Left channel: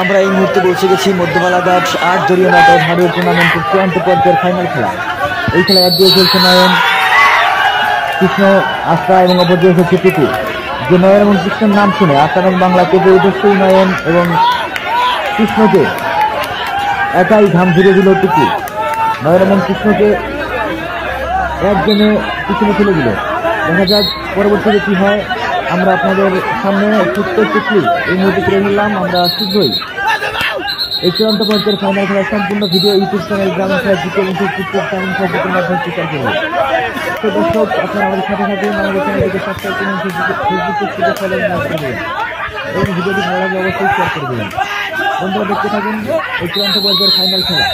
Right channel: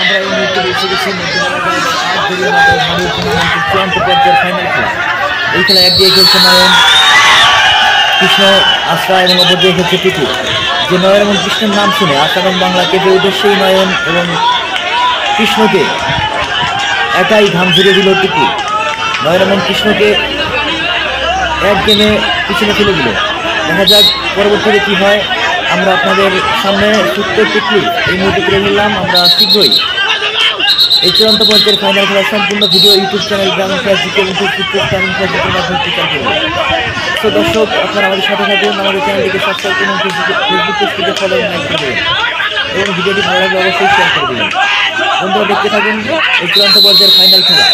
আমরা এই মুহূর্তে বসে গেছি মধ্যমালাঘাট ৮ দলীয় নাটক মডেল টুর্নামেন্টের চূড়ান্ত পর্যায়ের ফাইনাল খেলা। এই খেলা একদিকে খেলছে নয়ন, কৃষ্ণ, আশা এবং অপরদিকে খেলছে টুকু। যে নয়ন এবং কৃষ্ণের নাম শুনে আশা এবং বাংলা কেঁপে উঠে সেই নয়ন এবং কৃষ্ণকে একাই ঘাম ঝরিয়ে দিল টুকু। নয়ন এবং কৃষ্ণকে এক গেমে পিছনে ফেলে দিল। দেখা যাক পরবর্তীতে কি হয়। আমরা আপনাদের সামনে ছোট্ট একটি ক্লিপ এই মুহূর্তে তুলে নিলাম। আমরা শীঘ্রই এই চূড়ান্ত পর্যায়ের ফাইনাল খেলার সম্পূর্ণ ভিডিও ইউটিউব চ্যানেল গ্রামীণ খেলা জিকে এবং ফেসবুক গ্রামীণ খেলা জিকের মাধ্যমে প্রচার করব। তো দর্শক, আপনারা আমাদের সাথে থাকুন, আমাদের চ্যানেলটিকে সাবস্ক্রাইব করুন, ফেসবুক পেজটিকে ফলো এবং লাইক করে দেবেন এবং ভিডিওটি ভালো লাগলে অবশ্যই শেয়ার করে দেবেন। বন্ধুরা, দেখতে থাকুন এই চূড়ান্ত পর্যায়ের ফাইনাল খেলা।